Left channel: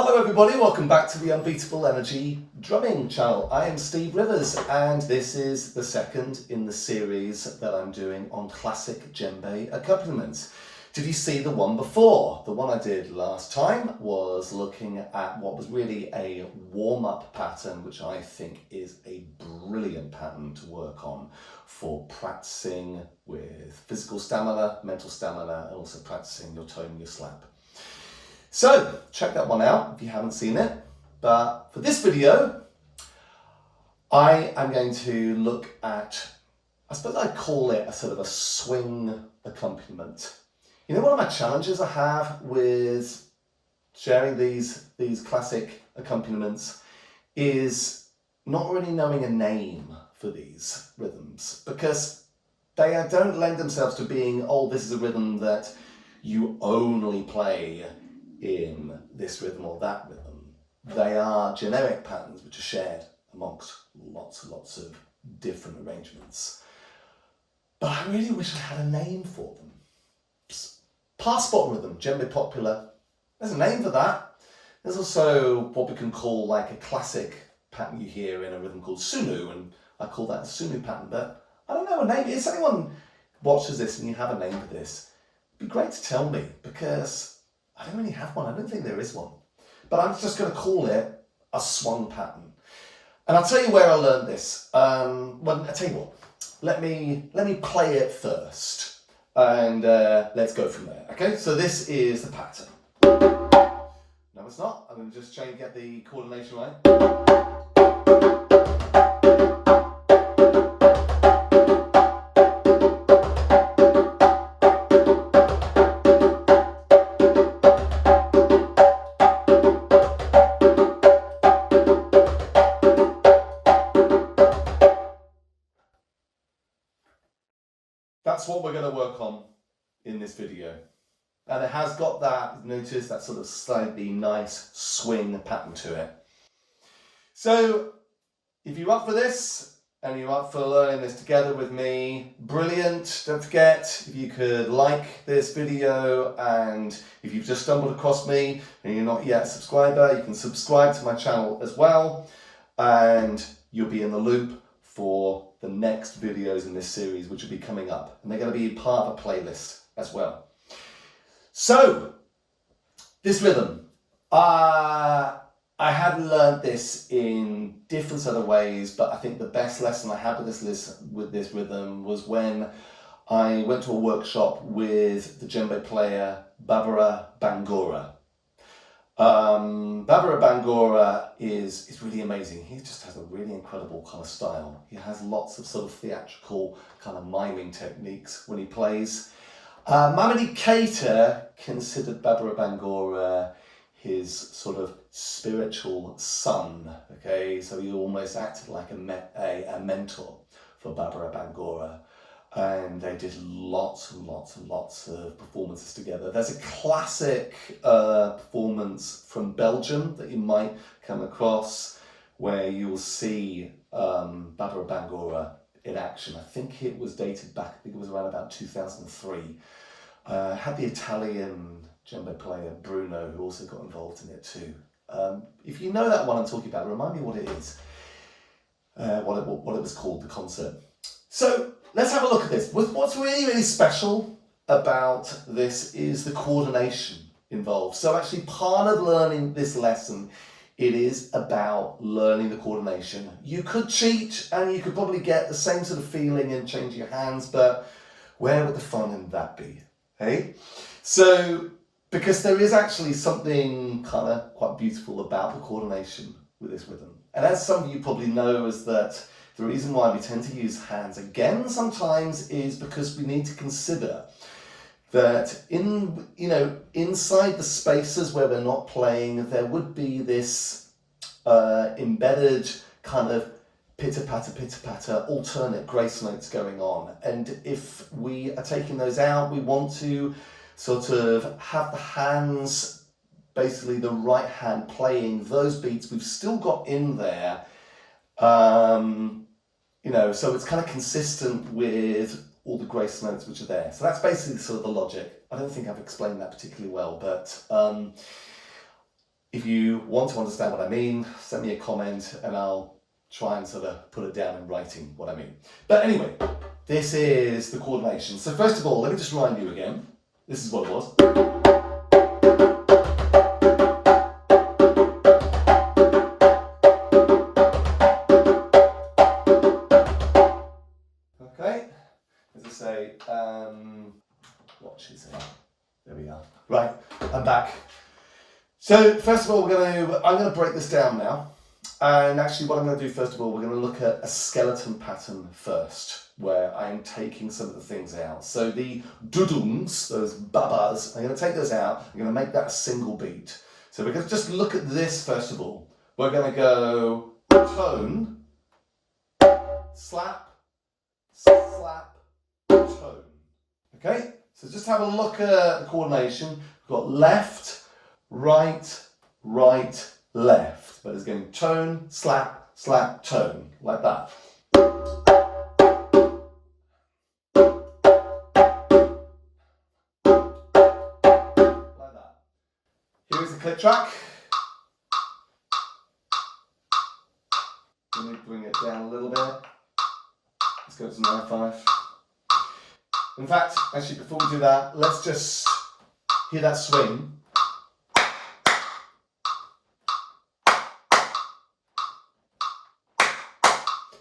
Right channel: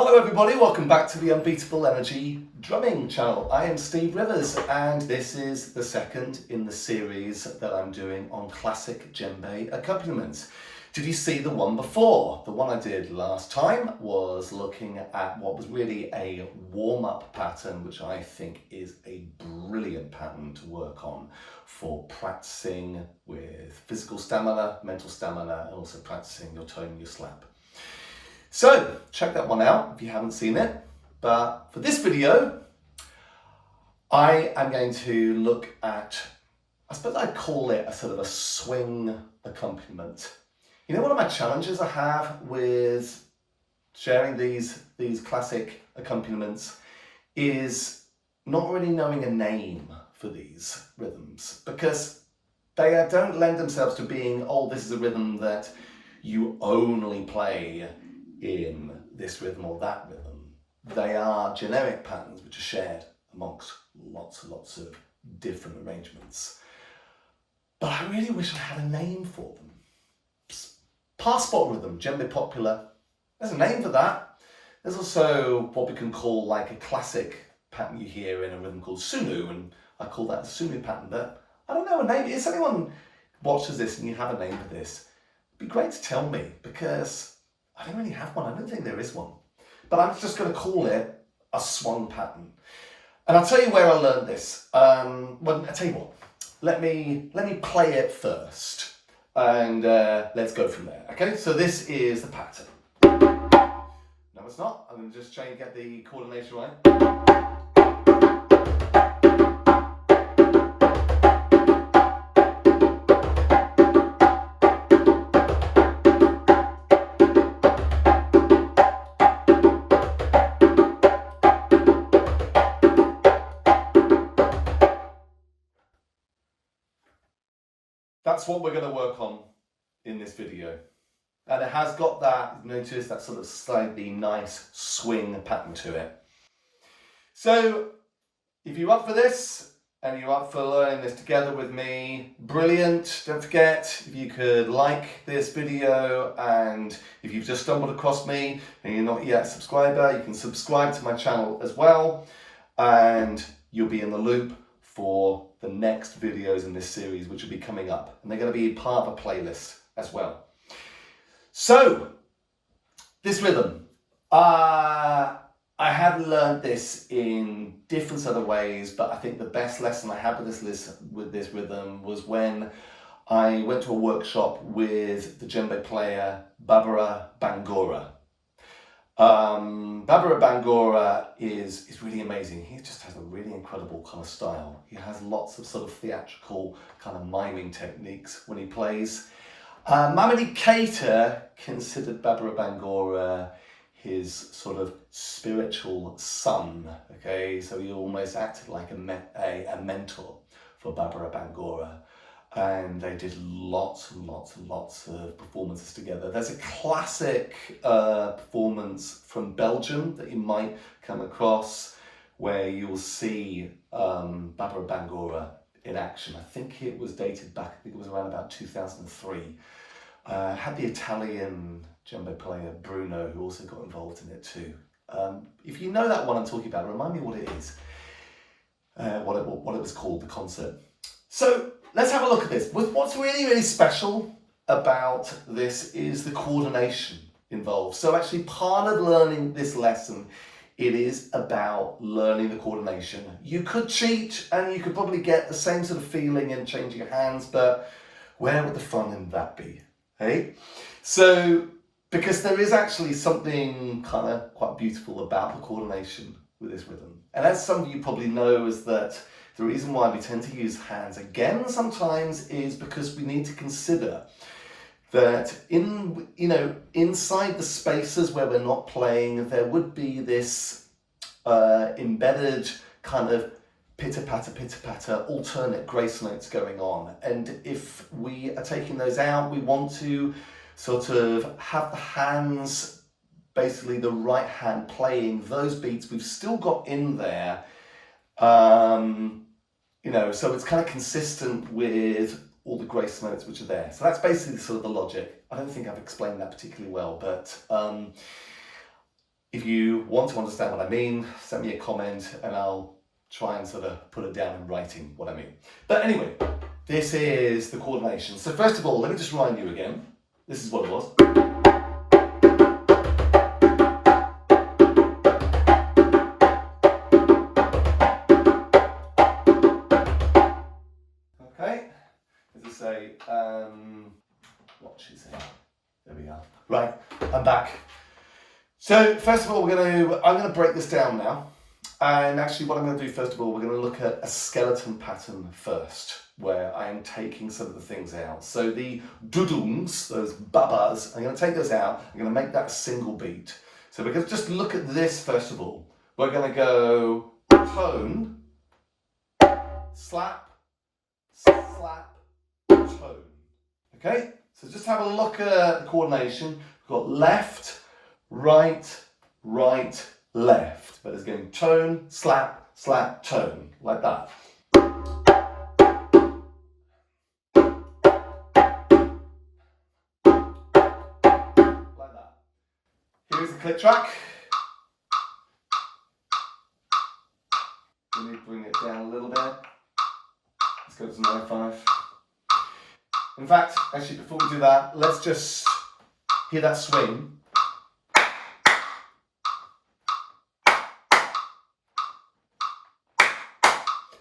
Hello everybody, welcome back to the Unbeatable Energy drumming channel. I am Steve Rivers and this is the second in the series that I'm doing on Classic Djembe Accompaniments. Did you see the one before? The one I did last time was looking at what was really a warm-up pattern, which I think is a brilliant pattern to work on for practicing with physical stamina, mental stamina, and also practicing your tone, your slap. So check that one out if you haven't seen it. But for this video, I am going to look at, I suppose I'd call it a sort of a swing accompaniment. You know, one of my challenges I have with sharing these classic accompaniments is not really knowing a name for these rhythms, because they don't lend themselves to being, oh, this is a rhythm that you only play in this rhythm or that rhythm. They are generic patterns which are shared amongst lots and lots of different arrangements. But I really wish I had a name for them. Passport rhythm, djembe popular, there's a name for that. There's also what we can call like a classic pattern you hear in a rhythm called sunu, and I call that a sunu pattern, but I don't know a name. If anyone watches this and you have a name for this, it'd be great to tell me, because I don't really have one. I don't think there is one. But I'm just going to call it a swung pattern. And I'll tell you where I learned this. Well, I'll tell you what. Let me play it first. And let's go from there. Okay, so this is the pattern. No, it's not. I'm going to just try and get the coordination right. That's what we're going to work on in this video. And it has got that, notice that sort of slightly nice swing pattern to it. So if you're up for this and you're up for learning this together with me, brilliant. Don't forget, if you could like this video, and if you've just stumbled across me and you're not yet a subscriber, you can subscribe to my channel as well, and you'll be in the loop for the next videos in this series, which will be coming up, and they're going to be part of a playlist as well. So this rhythm, I had learned this in different other ways, but I think the best lesson I had with this rhythm was when I went to a workshop with the djembe player Barbara Bangora. Barbara Bangora is really amazing. He just has a really incredible kind of style. He has lots of sort of theatrical kind of miming techniques when he plays. Mamadi Keita considered Barbara Bangora his sort of spiritual son. Okay, so he almost acted like a mentor for Barbara Bangora. And they did lots and lots and lots of performances together. There's a classic performance from Belgium that you might come across, where you will see Barbara Bangora in action. I think it was dated back, I think it was around about 2003. Had the Italian djembe player Bruno, who also got involved in it too. If you know that one I'm talking about, remind me what it is, what it was called, the concert. So let's have a look at this. What's really, really special about this is the coordination involved. So actually part of learning this lesson, it is about learning the coordination. You could cheat and you could probably get the same sort of feeling in changing your hands, but where would the fun in that be? Hey? So, because there is actually something kind of quite beautiful about the coordination with this rhythm. And as some of you probably know, is that the reason why we tend to use hands again sometimes is because we need to consider that inside the spaces where we're not playing, there would be this embedded kind of pitter-patter, alternate grace notes going on. And if we are taking those out, we want to sort of have the hands, basically the right hand playing those beats we've still got in there. So it's kind of consistent with all the grace notes which are there. So that's basically sort of the logic. I don't think I've explained that particularly well, but If you want to understand what I mean, send me a comment and I'll try and sort of put it down in writing what I mean. But anyway, this is the coordination. So first of all, let me just remind you again. This is what it was. Okay, as I say, what should I say? There we are. Right, I'm back. So first of all, I'm going to break this down now. And actually what I'm going to do first of all, we're going to look at a skeleton pattern first, where I am taking some of the things out. So the dudungs, those babas, I'm going to take those out. I'm going to make that a single beat. So we're going to just look at this first of all. We're going to go tone, slap, slap, tone. Okay, so just have a look at the coordination. We've got left, right, right, left. But it's going tone, slap, slap, tone, like that. Like that. Here's the click track. Let me bring it down a little bit. Let's go to 9/5. In fact, actually, before we do that, let's just hear that swing.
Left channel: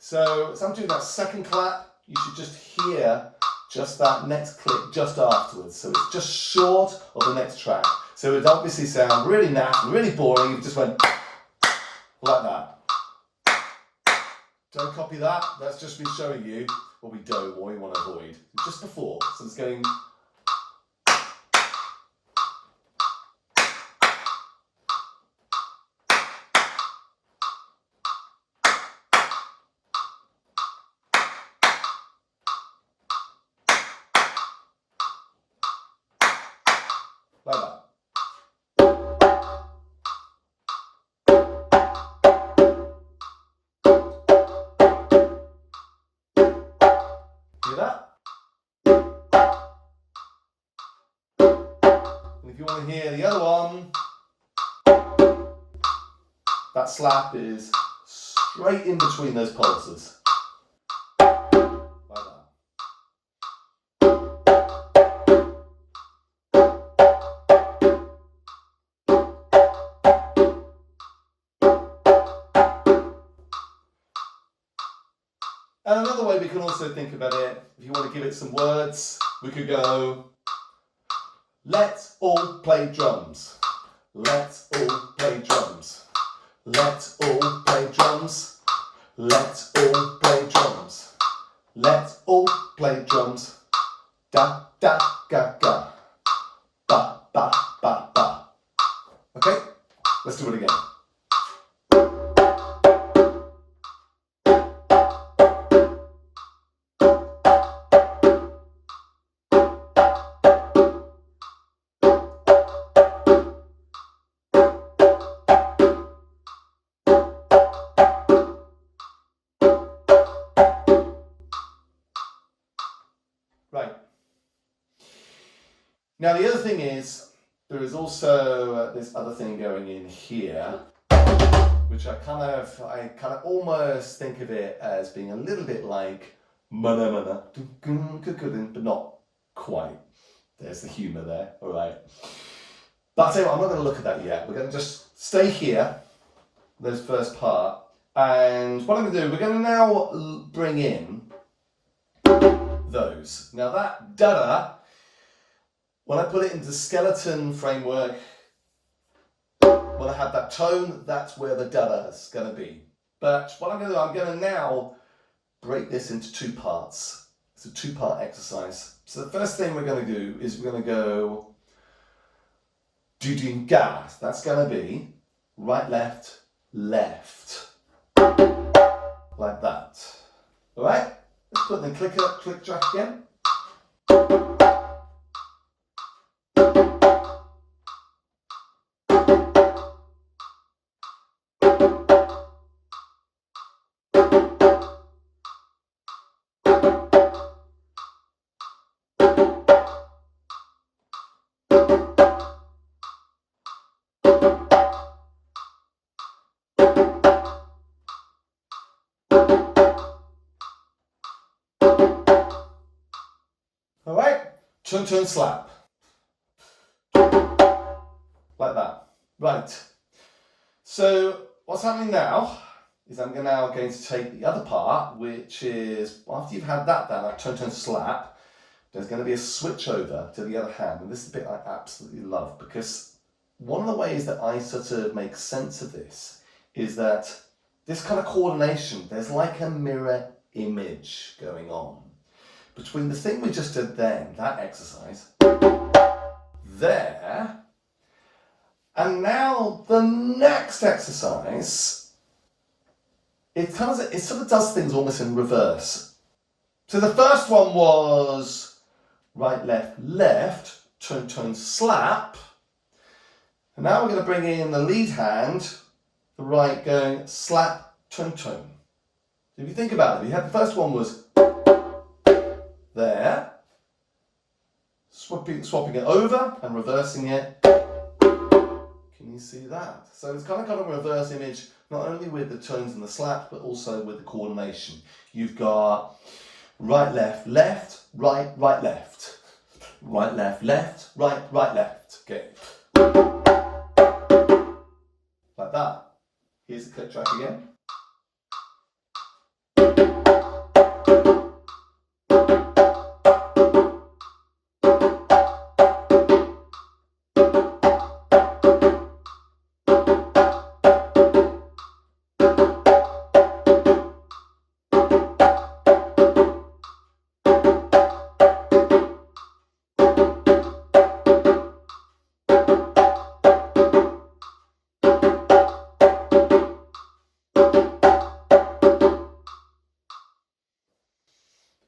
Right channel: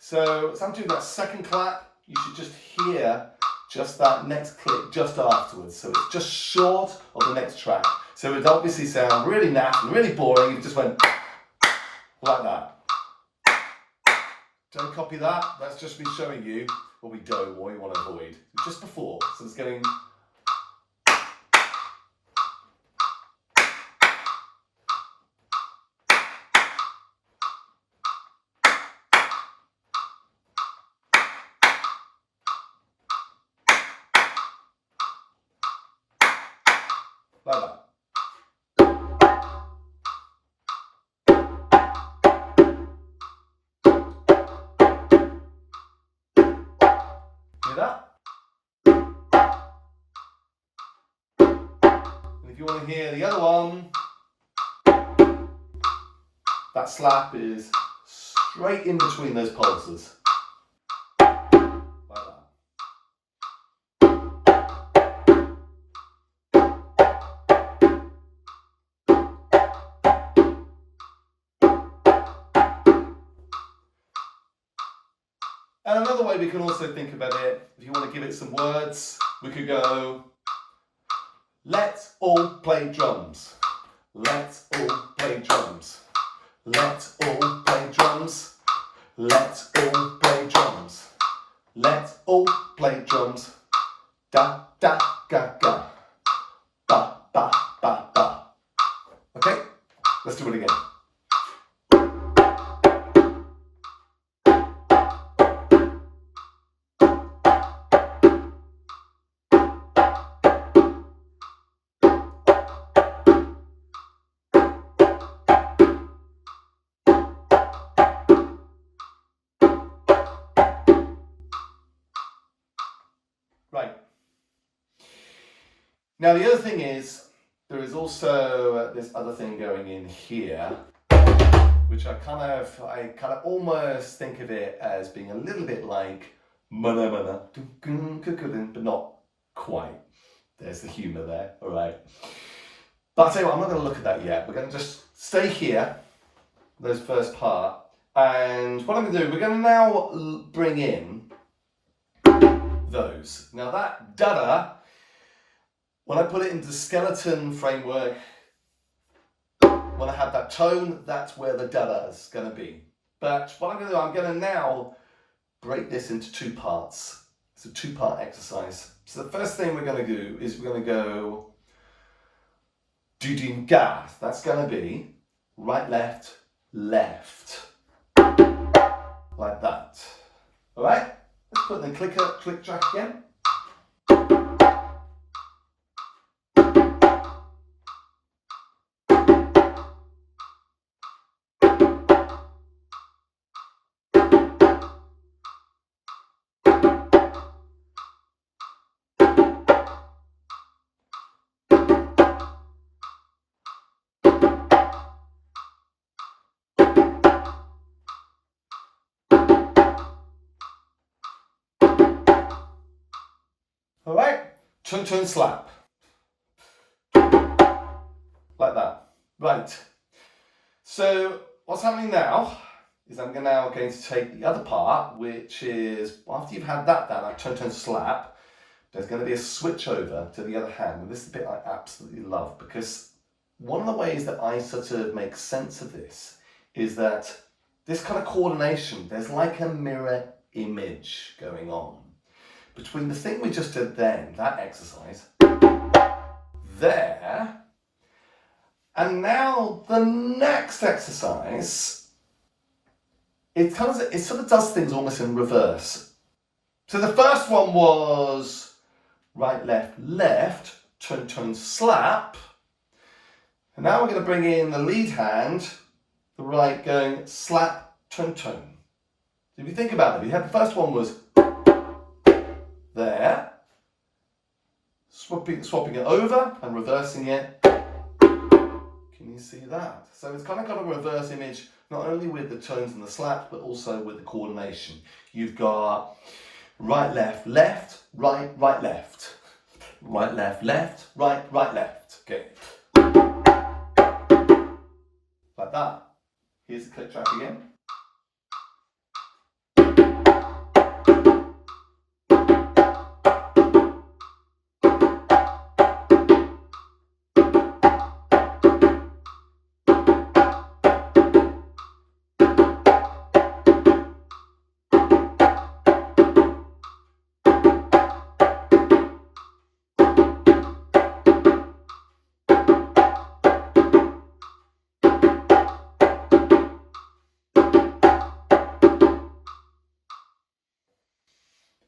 So as I'm doing that second clap, you should just hear just that next click just afterwards. So it's just short of the next track. So it would obviously sound really naff and really boring if you just went like that. Don't copy that. That's just me showing you what we don't, what we want to avoid. Just before. So it's going. Like that. Hear that? And if you want to hear the other one, that slap is straight in between those pulses. And another way we can also think about it, if you want to give it some words, we could go, let's all play drums. Let's all play drums. Let's all play drums. Let's all play drums. Let's all play drums. Da, da, ga, ga. Ba, ba, ba, ba. Okay, let's do it again. Right. Now the other thing is, there is also this other thing going in here, which I kind of almost think of it as being a little bit like mana mana, but not quite. There's the humour there, all right. But I tell you what, I'm not going to look at that yet. We're going to just stay here, this first part, and what I'm going to do, we're going to now bring in those. Now that da-da, when I put it into the skeleton framework, when I have that tone, that's where the da-da is going to be. But what I'm going to do, I'm going to now break this into two parts. It's a two-part exercise. So the first thing we're going to do is we're going to go do-ding-ga. That's going to be right, left, left. Like that. All right? Let's put the click track again. turn, turn, slap. Like that. Right. So what's happening now is I'm now going to take the other part, which is after you've had that down, like turn, turn, slap, there's going to be a switch over to the other hand. And this is a bit I absolutely love, because one of the ways that I sort of make sense of this is that this kind of coordination, there's like a mirror image going on between the thing we just did then, that exercise, there, and now the next exercise, it sort of does things almost in reverse. So the first one was right, left, left, turn, turn, slap. And now we're going to bring in the lead hand, the right going slap, turn, turn. So if you think about it, you had the first one was there, swapping it over and reversing it. Can you see that? So it's kind of got a reverse image, not only with the turns and the slaps, but also with the coordination. You've got right, left, left, right, right, left. Right, left, left, right, right, left. Okay. Like that. Here's the click track again.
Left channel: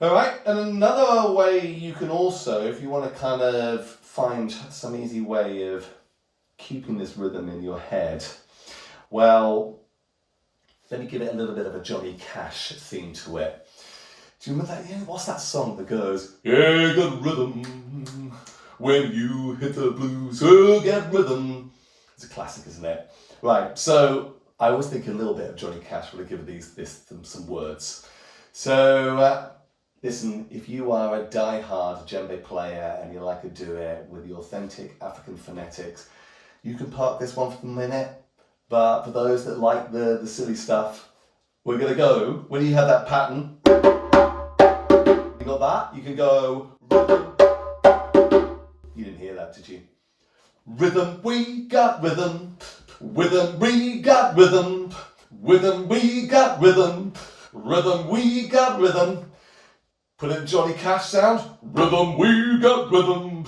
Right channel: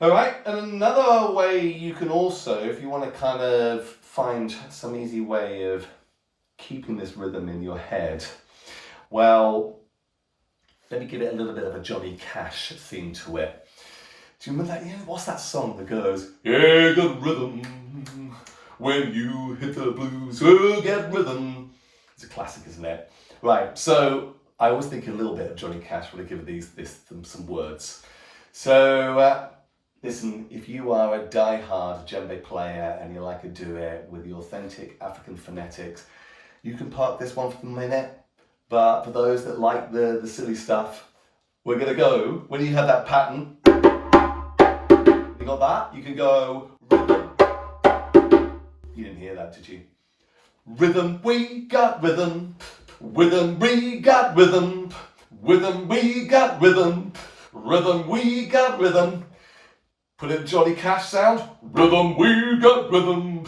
All right, and another way you can also, if you want to kind of find some easy way of keeping this rhythm in your head, well, let me give it a little bit of a Johnny Cash theme to it. Do you remember that? Yeah, what's that song that goes, yeah, good rhythm, when you hit the blues, oh, get rhythm. It's a classic, isn't it? Right, so I always think a little bit of Johnny Cash when I give them some words. So, listen, if you are a die-hard djembe player and you like to do it with the authentic African phonetics, you can park this one for a minute. But for those that like the silly stuff, we're going to go, when you have that pattern, you got that? You can go rhythm. You didn't hear that, did you? Rhythm, we got rhythm. Rhythm, we got rhythm. Rhythm, we got rhythm. Rhythm, we got rhythm. Put in Johnny Cash sound. Rhythm, we got rhythm.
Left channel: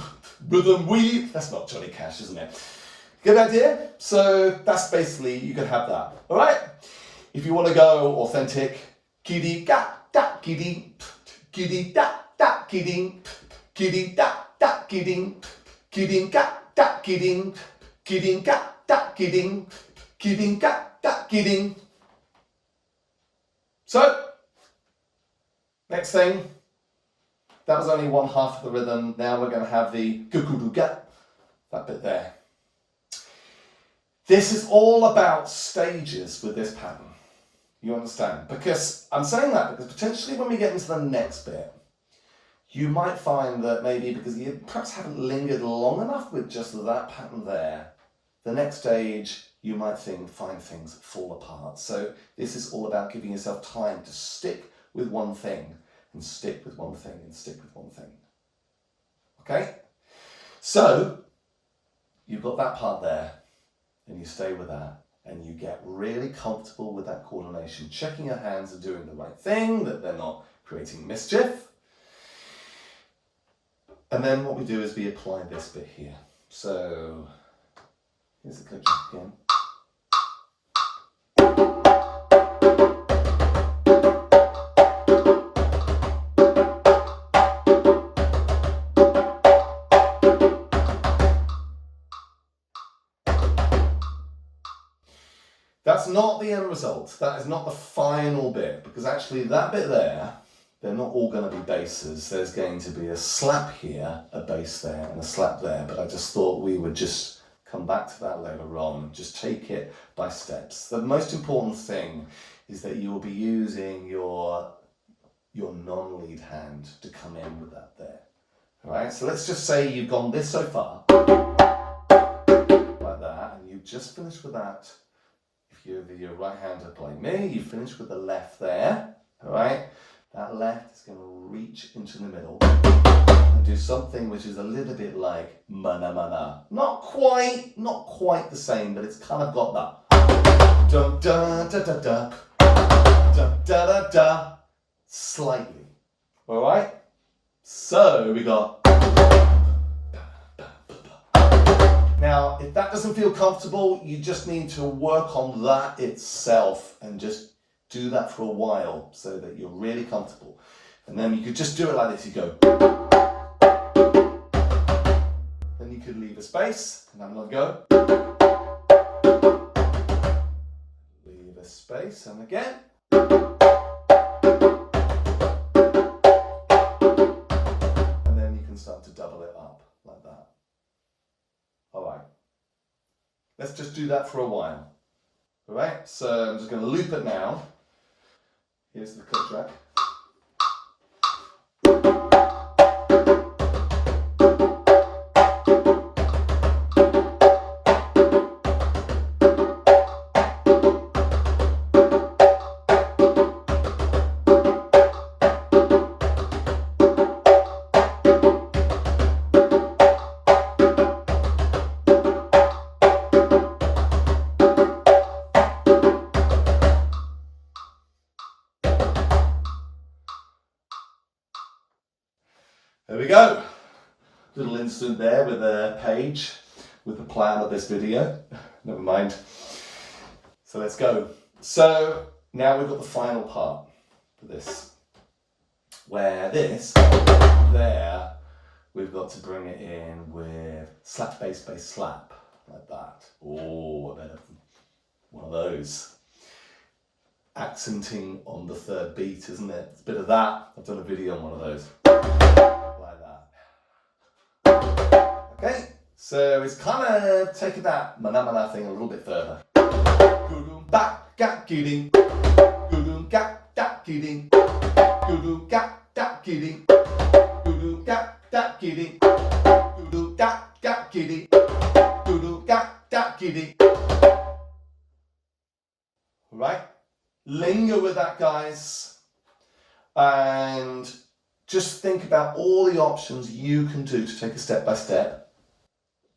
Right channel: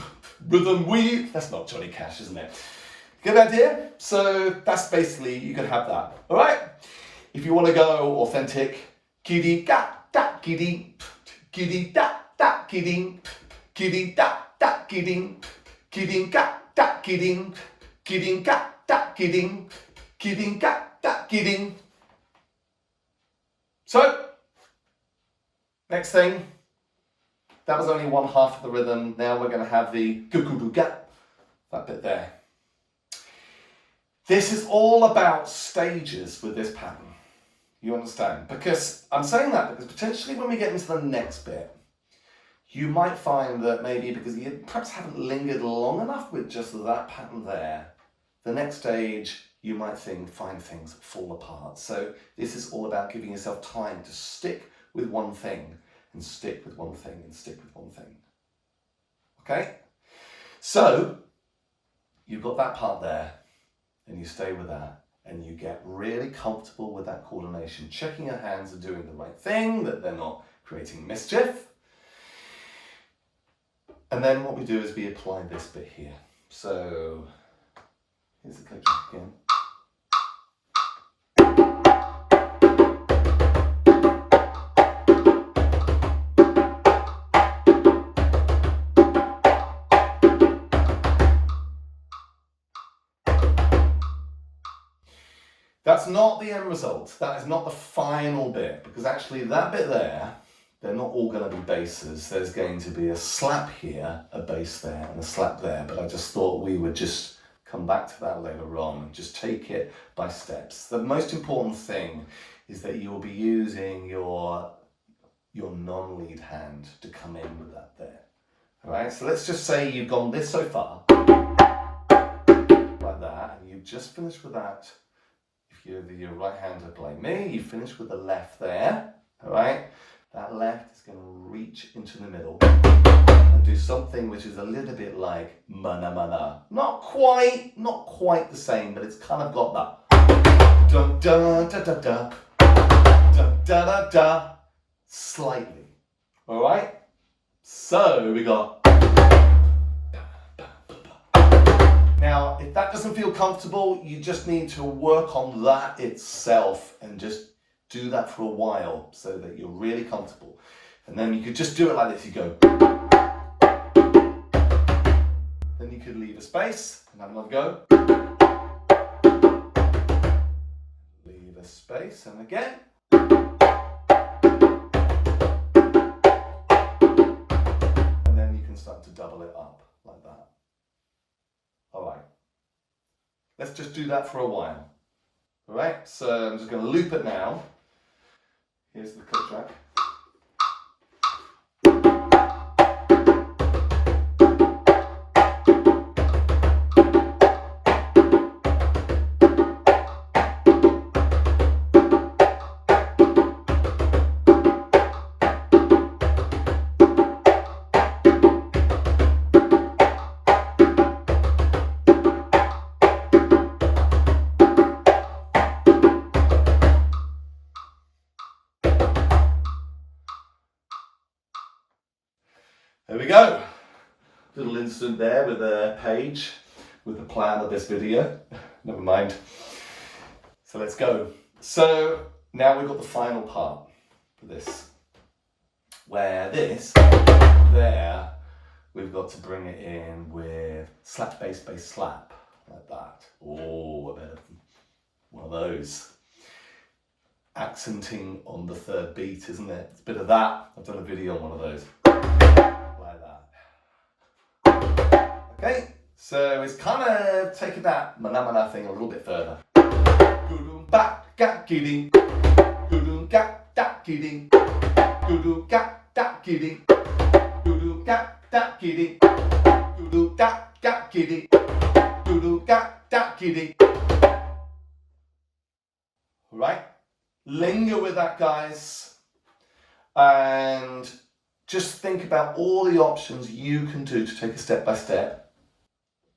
Rhythm, we... That's not Johnny Cash, isn't it? Good idea? So that's basically, you can have that. All right? If you want to go authentic, kiddy da da kiddy, kiddy da da kiddy, kiddy da da kiddy, kiddy da da kiddy, kiddy da da kiddy, kiddy da da kiddy. So, next thing. That was only one half of the rhythm. Now we're going to have the guguruga, that bit there. This is all about stages with this pattern. You understand? Because I'm saying that because potentially when we get into the next bit, you might find that maybe because you perhaps haven't lingered long enough with just that pattern there, the next stage you might find things fall apart. So this is all about giving yourself time to stick with one thing. And stick with one thing, and stick with one thing. Okay? So, you've got that part there, and you stay with that, and you get really comfortable with that coordination, checking your hands are doing the right thing, that they're not creating mischief. And then what we do is we apply this bit here. So, here's the click track again. That's not the end result. That is not the final bit, because actually that bit there, they're not all going to be basses. There's going to be a slap here, a bass there, and a slap there. But I just thought we would just come back to that later on and just take it by steps. The most important thing is that you will be using your non-lead hand to come in with that there. All right, so let's just say you've gone this so far, like that, and you've just finished with that. If you're your right-hander like me, you finish with the left there, all right? That left is going to reach into the middle and do something which is a little bit like mana mana. Not quite the same, but it's kind of got that dun dun da da da dun da da da slightly. All right? So we got. Now, if that doesn't feel comfortable, you just need to work on that itself and just do that for a while so that you're really comfortable. And then you could just do it like this. You go. Then you could leave a space and have another go. Leave a space and again. And then you can start to double it up like that. All right. Let's just do that for a while. All right, so I'm just going to loop it now. Here's the click track. There we go. Little instant there with a page with the plan of this video. Never mind. So let's go. So now we've got the final part for this, where this there, we've got to bring it in with slap bass bass slap like that. Oh, a bit of one of those. Accenting on the third beat, isn't it? It's a bit of that. I've done a video on one of those. Like that. Okay, so it's kind of taking that mana mana thing a little bit further. Gudum back gat kidding. Gudum gat dat kidding. Gudum gat dat kidding. Gudum gat dat kidding. Gudum gat kidding. Gudum gat kidding. Right? Linger with that, guys, and just think about all the options you can do to take a step by step.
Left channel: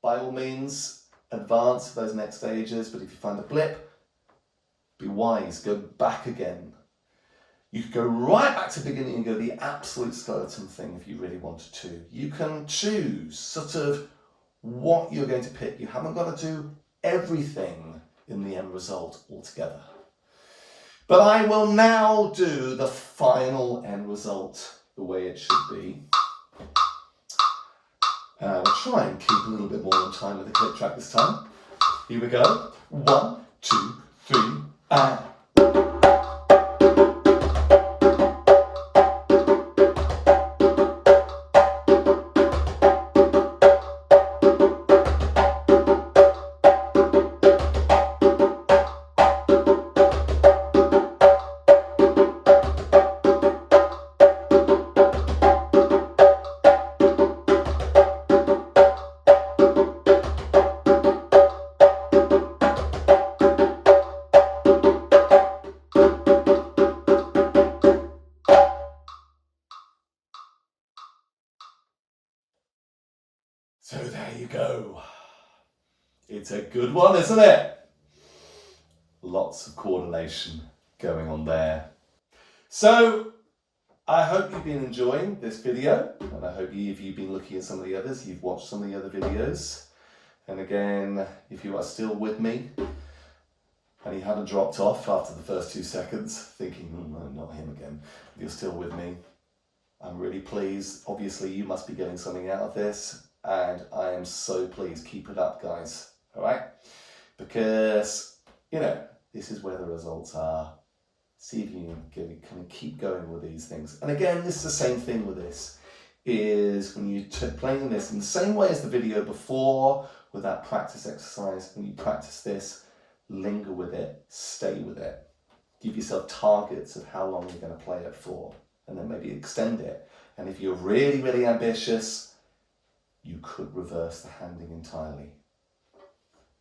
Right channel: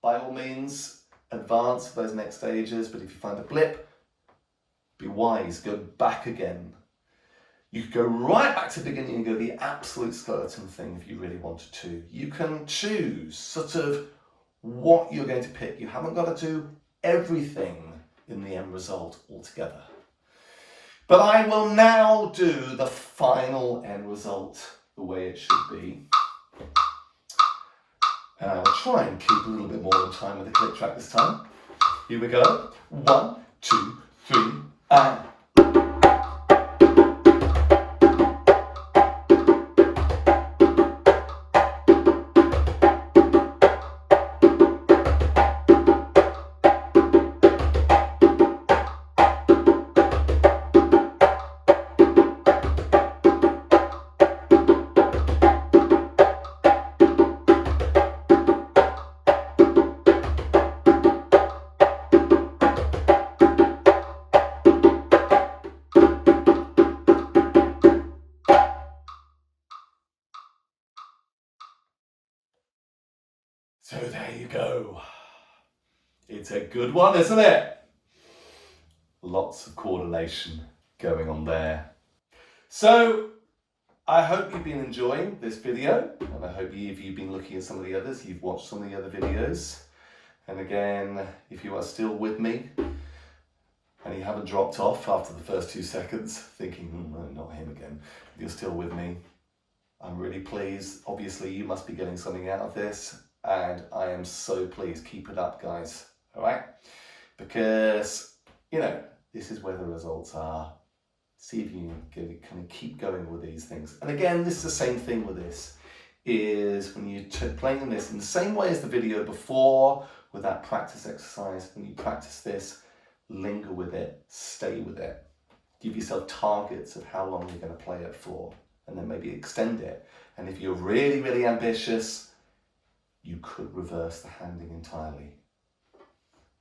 By all means, advance to those next stages, but if you find a blip, be wise, go back again. You could go right back to the beginning and go the absolute skeleton thing if you really wanted to. You can choose sort of what you're going to pick. You haven't got to do everything in the end result altogether. But I will now do the final end result the way it should be. And I will try and keep a little bit more on time with the click track this time. Here we go. 1, 2, 3, and... So there you go. It's a good one, isn't it? Lots of coordination going on there. So I hope you've been enjoying this video, and I hope if you've been looking at some of the others, you've watched some of the other videos. And again, if you are still with me and you haven't dropped off after the first 2 seconds thinking, no, not him again, you're still with me, I'm really pleased. Obviously you must be getting something out of this, and I am so pleased. Keep it up, guys. All right, because you know this is where the results are. See if you can kind of keep going with these things. And again, this is the same thing with this, is when you playing this in the same way as the video before with that practice exercise. When you practice this, linger with it, stay with it, give yourself targets of how long you're going to play it for, and then maybe extend it. And if you're really, really ambitious, you could reverse the handing entirely.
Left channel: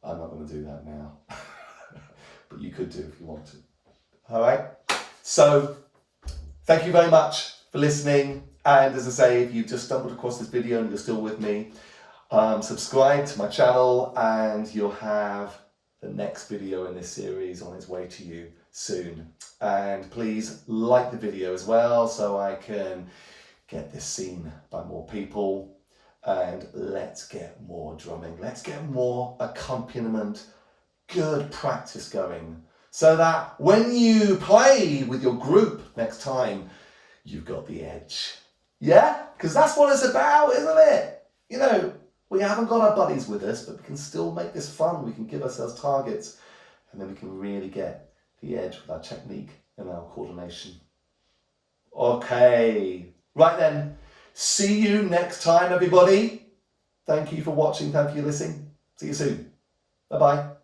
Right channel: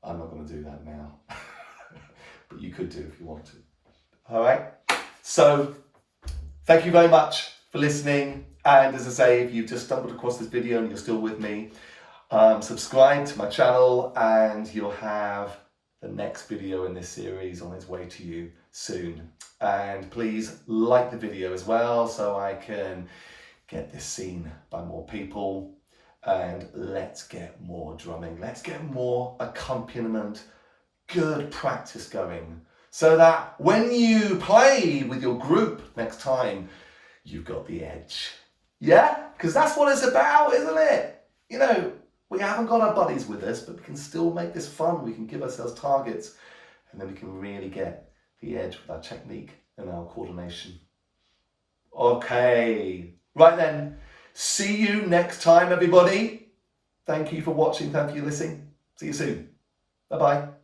I'm not going to do that now, but you could do if you want to. All right. So thank you very much for listening. And as I say, if you've just stumbled across this video and you're still with me, subscribe to my channel and you'll have the next video in this series on its way to you soon. And please like the video as well so I can get this seen by more people. And let's get more drumming. Let's get more accompaniment, good practice going so that when you play with your group next time, you've got the edge. Yeah? Because that's what it's about, isn't it? You know, we haven't got our buddies with us, but we can still make this fun. We can give ourselves targets and then we can really get the edge with our technique and our coordination. Okay, right then. See you next time, everybody. Thank you for watching. Thank you for listening. See you soon. Bye-bye.